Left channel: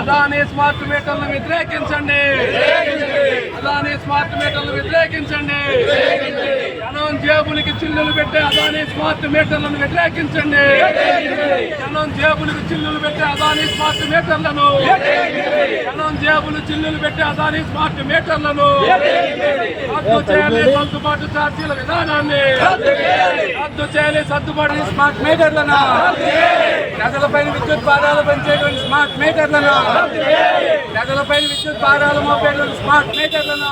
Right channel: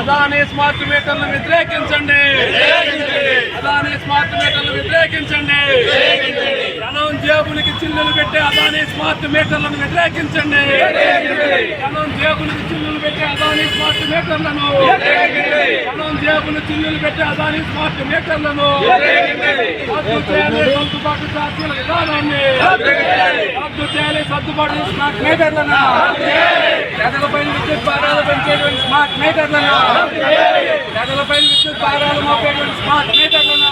Adani smart మీటర్లను వ్యతిరేకించండి. Adani smart మీటర్లను వ్యతిరేకించండి. జనం జేబులకి చిల్లులు పెట్టే అదాని స్మార్ట్ మీటర్లను వ్యతిరేకించండి. జనం జేబులకి చిల్లులు పెట్టే అదాని స్మార్ట్ మీటర్లను. జనం జేబులు చిల్లులు పెట్టే అదాని స్మార్ట్ మీటర్లను. రద్దు చేయాలి సర్దుబాటు ఛార్జీల విధానాన్ని. రద్దు చేయాలి సర్దుబాటు స్మార్ట్ మీటర్లను. ప్రజలపై విద్యుత్ భారాలు పెంచేటువంటి స్మార్ట్ మీటర్లను. ప్రజలపైన విద్యుత్ భారాలు మోపేటువంటి స్మార్ట్ మీటర్లను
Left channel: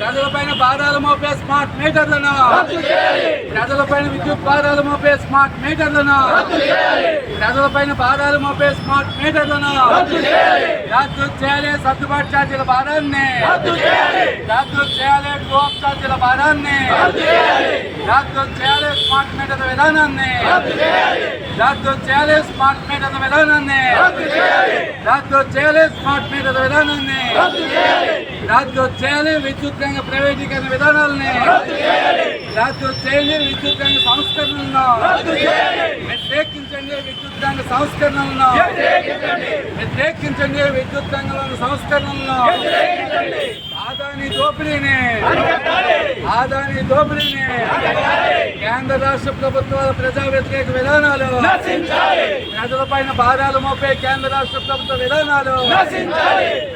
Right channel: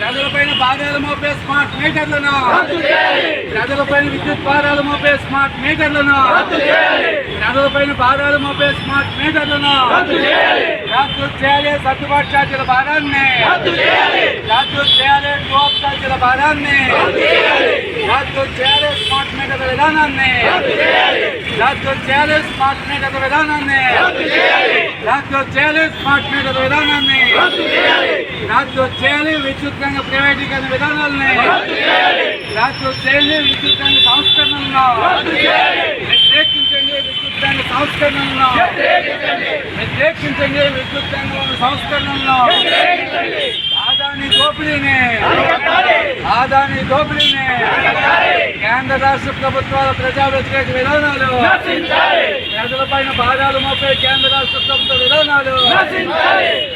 ప్రజలపైన భారాలు మోపే స్మార్ట్ మీటర్లను ప్రజలపైన విద్యుత్ భారాలు మోపే స్మార్ట్ మీటర్లను ప్రజలపైన భారాలు మోపే స్మార్ట్ మీటర్లను రద్దు చేయాలి సర్దుబాటు ఛార్జీల భారాన్ని రద్దు చేయాలి టోప్ ఛార్జీల భారాన్ని రద్దు చేయాలి స్మార్ట్ మీటర్ల విధానాన్ని రద్దు చేయాలి స్మార్ట్ మీటర్ల విధానాన్ని రద్దు చేయాలి స్మార్ట్ విధానాన్ని రద్దు చేయాలి విద్యుత్ రంగ ప్రైవేటీకరణ విధానాలని రద్దు చేయాలి విద్యుత్ రంగ సంస్కరణలను వ్యతిరేకించండి విద్యుత్ రంగ సంస్కరణలను వ్యతిరేకించండి విద్యుత్ రంగ సంస్కరణలను ఆదాని దోపిడీని ఆదాని దోపిడీని కేంద్ర రాష్ట్ర ప్రభుత్వాల ప్రజా వ్యతిరేక విధానాలు ప్రజలపైన భారాలు మోపే కేంద్ర రాష్ట్ర ప్రభుత్వ విధానాలు.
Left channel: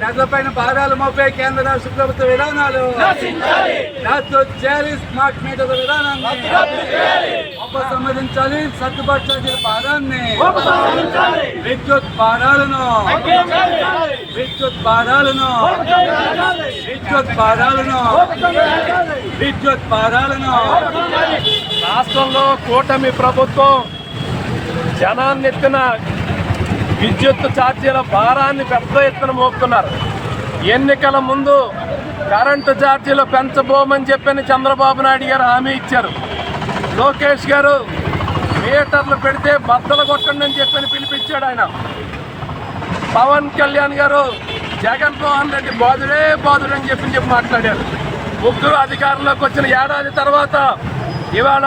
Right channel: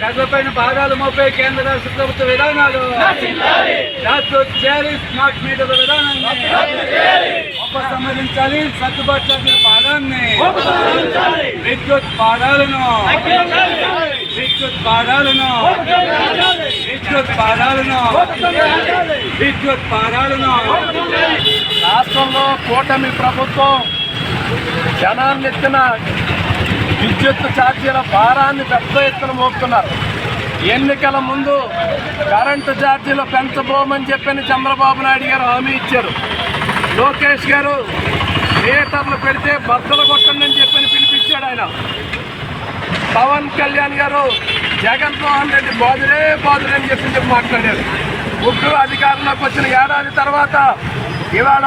ప్రజలపైన భారాలు మోపే కేంద్ర రాష్ట్ర ప్రభుత్వ విధానాలు. రద్దు చేయాలి స్మార్ట్ మీటర్ల విధానాన్ని. ఉపసంహరించాలి సర్దుబాటు ఛార్జీల భారాన్ని. విద్యుత్ భారాలను. విద్యుత్ భారాలను. విద్యుత్ భారాలను. విద్యుత్ భారాలను. రాష్ట్రంలో కూటమి ప్రభుత్వం జనాన్నెత్తిన విద్యుత్ ఛార్జీల భారాన్ని పెద్ద ఎత్తున మోపుతున్నారు ఎన్నికల ముందు కరెంటు ఛార్జీలు పెంచబోమని చెప్పని చంద్రబాబు నాయుడు గారు హామీ ఇచ్చారు. లోకేష్ గారు థియేటర్లు పెడితే బద్దలు కొట్టండి అని చెప్పని పిలిపించాడు ఆయన. పవన్ కళ్యాణ్ గారు జగన్మోహన్ రెడ్డి బాధురే బాధురే అని చెప్పి చెప్పి మాట్లాడారు. ముగ్గురు అధికారంలోకి వచ్చిన ఏడాది తర్వాత ఇవాళ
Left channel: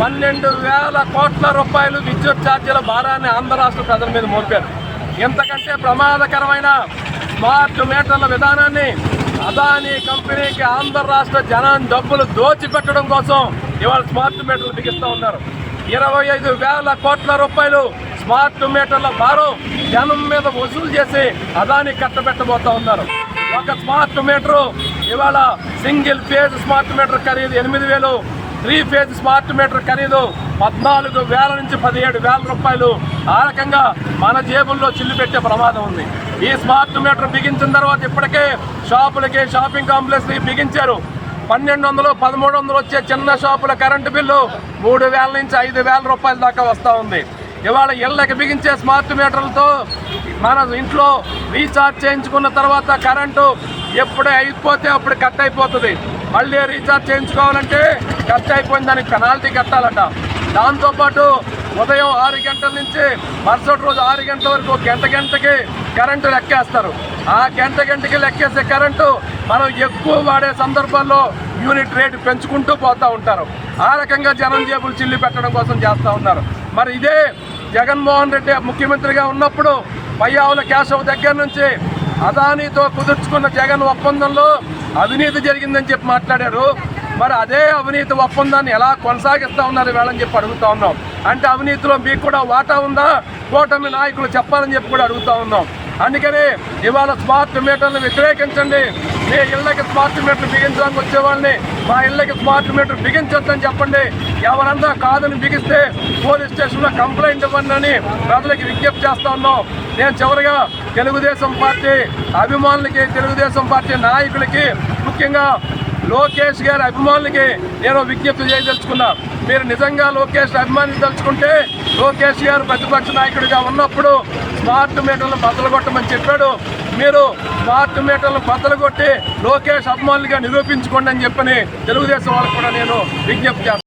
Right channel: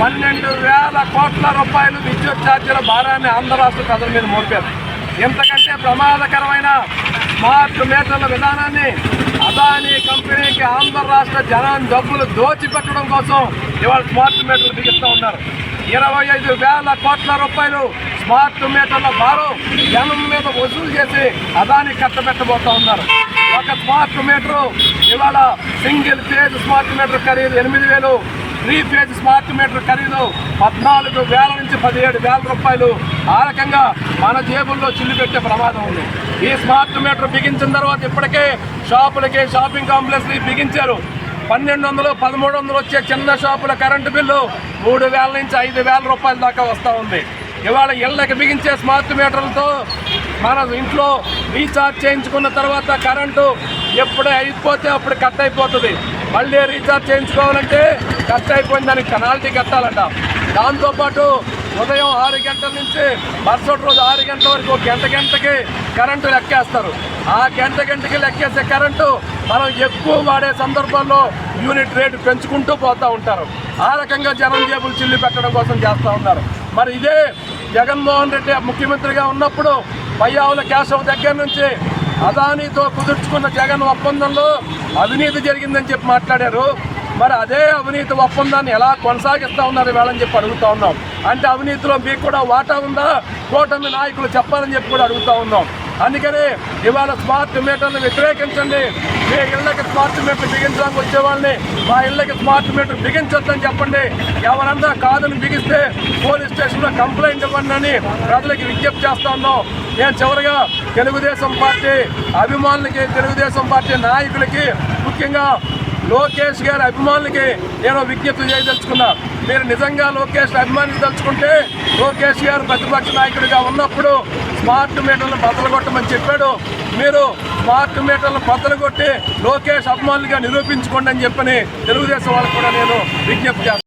పన్నెండు వేల కోట్ల రూపాయలు విద్యుత్ ఛార్జీల భారాన్ని ఆంధ్ర రాష్ట్ర ప్రజల మీద మోపారు. ఇంతకంటే ప్రమాదకరమైన స్మార్ట్ మీటర్ల విధానాన్ని అదానీ కంపెనీకి ఆంధ్ర రాష్ట్ర జనాన్ని డబ్బులు దోచిపెట్టడం కోసం ఇవాళ స్మార్ట్ మీటర్లు బిగిస్తూ ఉన్నారు. ఇరవై ఐదు వేల కోట్ల రూపాయలు స్మార్ట్ మీటర్ల భారం జనం మీద వసూలు చేసి అదాని కట్టబెట్టబోతా ఉన్నారు. ఒక స్మార్ట్ మీటరు ఇవాళ సింగిల్ ఫేజ్ స్మార్ట్ మీటర్ ఖరీదు ఎనిమిది వేలు త్రీ ఫేజ్ స్మార్ట్ మీటర్ ఖరీదు పద్నాలుగు వేల నుంచి పదిహేడు వేల రూపాయలు. ఆ రకంగా మన జేబుల్లో చిల్లు పెట్టే ప్రమాదం ఉంది. ఈ స్మార్ట్ మీటర్ బిగించిన తర్వాత ఇప్పటికే షాపులకి షాపింగ్ కాంప్లెక్స్ బిగించారు. పన్నెండు వందలు పదమూడు వందలు వచ్చే చిన్న షాపుల కరెంటు బిల్లు మూడు వేల నుంచి ఐదు వేల రూపాయల దాకా వస్తూ ఉంది. ఇవాళ ఇళ్ళకి బిగించే స్మార్ట్ మీటర్లతో మన ఇంట్లో రీఛార్జ్ చేయించుకున్న తర్వాత కరెంటు ఎప్పుడే అయిపోతే అప్పుడు కట్ అయిపోతుంది. మళ్ళీ రీఛార్జ్ చేయించుకోవాలంటే కట్ అయిపోయిన దానికి పెనాల్టీ కట్టాలట. దాంతోపాటు ఉదయం ఆరు గంటల నుంచి మరుసటి రోజు ఆరు గంటల వరకు గంట గంటకి కరెంటు లెక్కేస్తారు. ఆ గంట గంటకి లెక్కేసే కరెంటు మనం ఎక్కువ వాడే సందర్భాల్లో యూనిట్ రేటు పెంచుకుంటూ పోతూ ఉంటారు. ఆ రకంగా జనం జేబులు చిల్లి పెట్టడం కోసం చేస్తూ ఉన్నారు. మరి ఇదే జగన్మోహన్ రెడ్డి ముఖ్యమంత్రిగా ఉన్నప్పుడు పయ్యావుల కేశవ్ దగ్గర నుంచి అదానీతో కుదుర్చుకున్న జగన్ ఒప్పందంలో అవినీతి జరిగిందని చెప్పి మాట్లాడారు. మరి అదే అవినీతి ఒప్పందాన్ని ఎలా కొనసాగిస్తా ఉన్నారు వేళని చెప్పి అడుగుతా ఉన్నాం. అంటే అవినీతిలో మీకు కూడా వాటా ఉందా? కూటమి నాయకులు చెప్పాలని చెప్పి కూడా అడుగుతా ఉన్నాం. అందుకని ఇవాళ స్మార్ట్ మీటర్లు వ్యతిరేకించండి. మీ ఇళ్ళకి స్మార్ట్ మీటర్ బిగించడానికి వచ్చే వాళ్ళని మా ఇళ్ళకి స్మార్ట్ మీటర్ బిగించొద్దని చెప్పండి. ఎవరన్నా కాదని బిగిస్తే పోలీస్ స్టేషన్లో కంప్లైంట్ ఇవ్వండి అని ప్రజలకి విజ్ఞప్తి చేస్తా ఉన్నాం. నేను చివరిగా తెలుగుదేశం పార్టీ అభిమానులకి తెలుగుదేశం పార్టీ నాయకులకి ముఖ్యంగా లోకేష్ గారి అభిమానులకి నేను విజ్ఞప్తి చేయదలుచుకున్నా. మీరు నిజంగా లోకేష్ అభిమానించదలుచుకుంటే లోకేష్ గారు ప్రతిపక్ష నాయకుడిగా ఉన్నప్పుడు స్మార్ట్ మీటర్లను బద్దలుగొట్టమని చెప్పాడు. మీరు స్మార్ట్ మీటర్లను బద్దలుగొట్టి లోకేష్ అభిమానులుగా నిరూపించుకోండి అని చెప్పని తెలుగుదేశం వాళ్ళకు కూడా నేను విజ్ఞప్తి చేస్తాను